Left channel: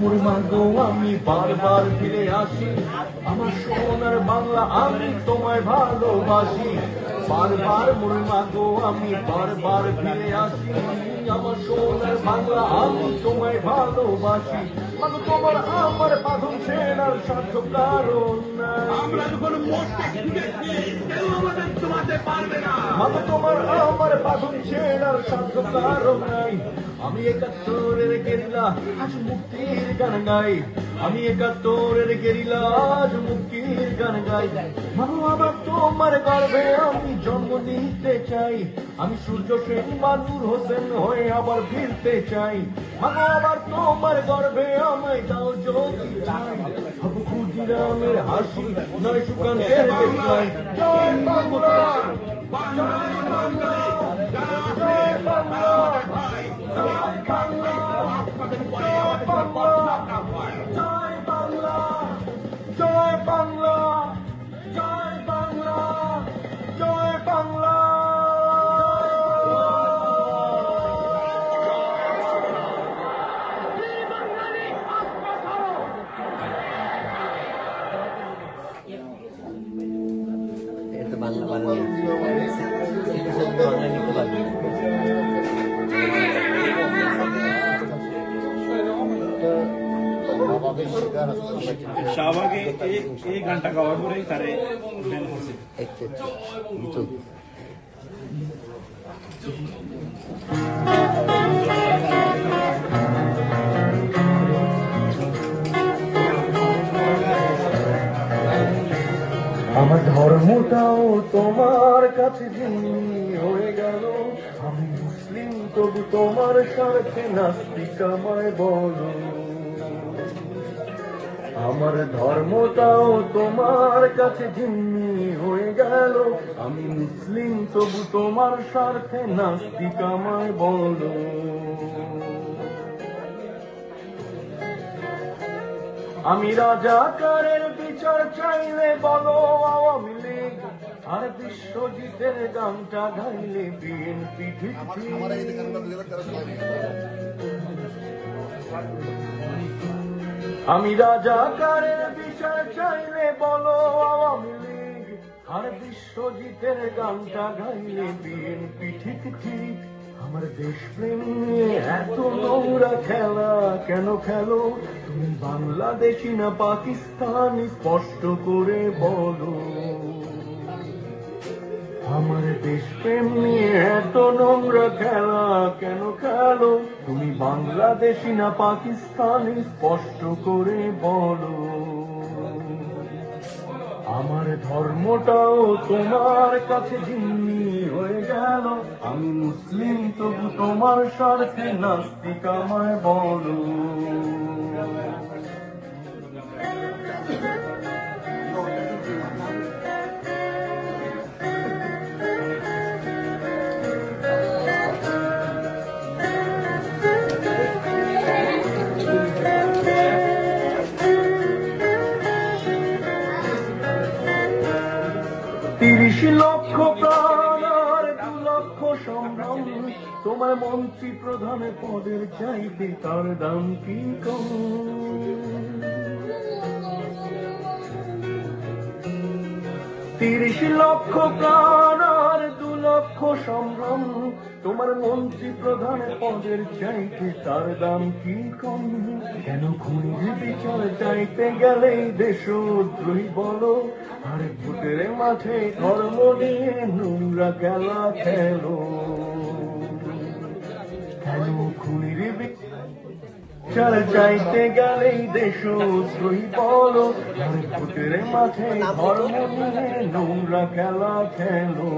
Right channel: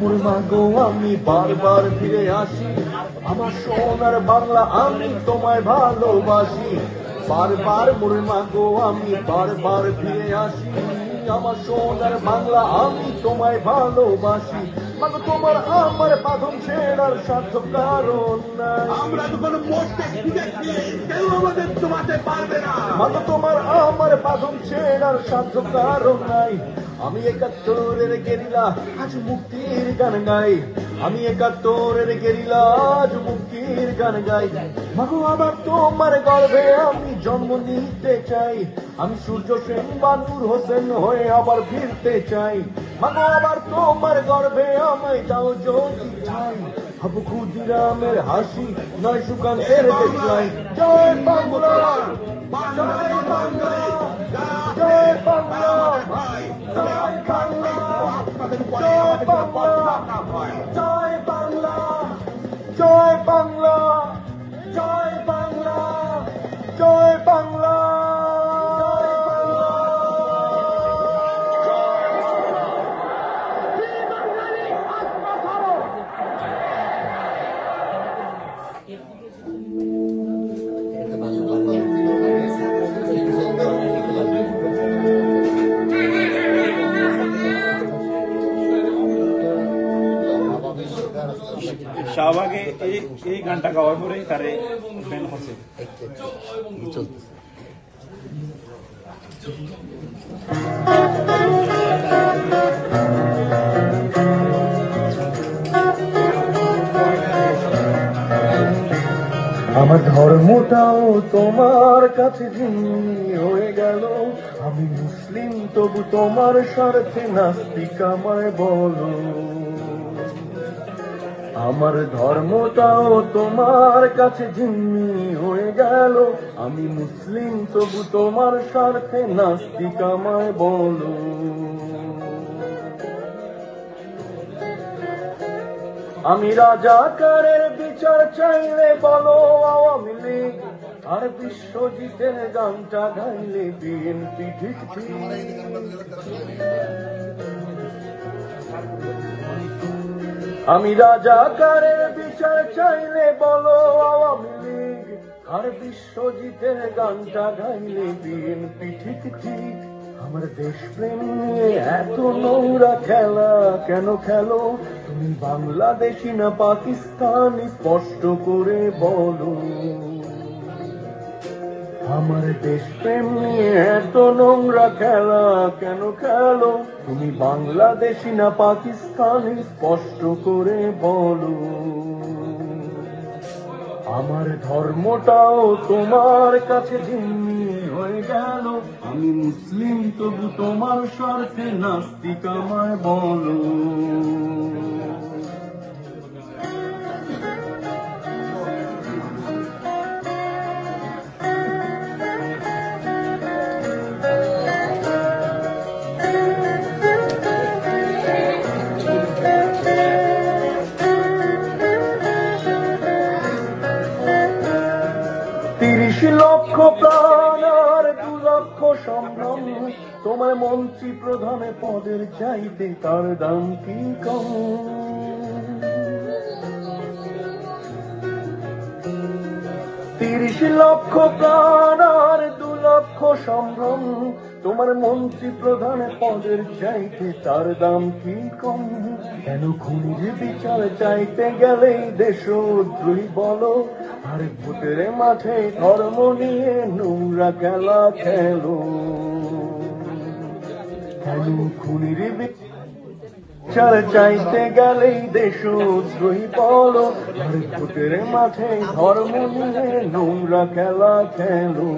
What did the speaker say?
মুরমা গো আমি বারবার ফিরে আসি, আমার সোনার বাংলা আমি তোমায় ভালোবাসি। বারবার মুরমা গো আমি বারবার ফিরে আসি, আমার সোনার বাংলা আমি তোমায় ভালোবাসি। মানে তোমার আমার বাঁধন ছেড়ার সাধ্য কারণ নাই, আমরা যখন মরতে শিখেছি কেউ আমাদের তোমাতে পারবে না। মানে তোমার আমার বাঁধন ছেড়ার সাধ্য কারণ নাই। আমি ৭১-এর গেরিলা আজ মুক্তির গান গাই, আমি ৭১-এর গেরিলা আজ মুক্তির গান গাই। মাগো আবার তোমার গর্ভে আমি জন্ম নিতে চাই, আমি সূর্য সেন বা নূর হোসেন হয়ে আবার ফিরতে চাই। মাগো আবার তোমার গর্ভে আমায় দাও যদি চাই, হব ক্ষুদিরামের হাসি নয় সুকান্তের দেখলাই। জয় বাংলা, জয় বাংলা, জয় বাংলা, জয় বাংলা, জয় বাংলা, জয় বাংলা, জয় বাংলা, জয় বাংলা, জয় বাংলা। शाहबागे एक घंटा का और करे আমার ধর্মটাও তোমার কাছে জিম্মি হয়ে গেল, আমি মুসলিম তবু তোমার স্বার্থে নাস্তিক আমায় বলো। আমার ধর্মটাও তোমার কাছে জিম্মি হয়ে গেল, আমি মুসলিম তবু তোমার স্বার্থে নাস্তিক আমায় বলো। আমি রাজাকারের বিচার চাইলে বলো আওয়ামী লীগ, আর বিশ্বজিতের গানটা গাইলে বিএনপি ঠিক ঠিক। আমি রাজাকারের বিচার চাইলে বলো আওয়ামী লীগ, আর বিশ্বজিতের গানটা গাইলে বিএনপি ঠিক ঠিক। আমার দেশপ্রেম নিয়ে এত নোংরা খেলা কেন খেলো, তুমি বাংলাদেশি না পাকিস্তানি স্পষ্ট করে বলো। আমার দেশপ্রেম নিয়ে এত নোংরা খেলা কেন খেলো, তুমি বাংলাদেশি না পাকিস্তানি স্পষ্ট করে বলো। আমার ধর্মটাও তোমার কাছে জিম্মি হয়ে গেল, আমি মুসলিম তবু তোমার স্বার্থে নাস্তিক আমায় বলো। ত্রিশ লক্ষ প্রাণ আর ২ লক্ষ সম্ভ্রম, তোমার মন্ত্রী প্রধানে পদের চাইতে তার দাম কি কম। ৩০ লক্ষ প্রাণ আর ২ লক্ষ সম্ভ্রম, তোমার মন্ত্রী প্রধানে পদের চাইতে তার দাম কি কম। কেন খুনির বিচার চাইতে গেলে দেশদ্রোহী বলো, আর ভোটের মাঠে ধর্ম নিয়ে নোংরা খেলা খেলো। কেন খুনির বিচার চাইতে গেলেই দেশদ্রোহী বলো, আর ভোটের মাঠে ধর্ম নিয়ে নোংরা খেলা খেলো।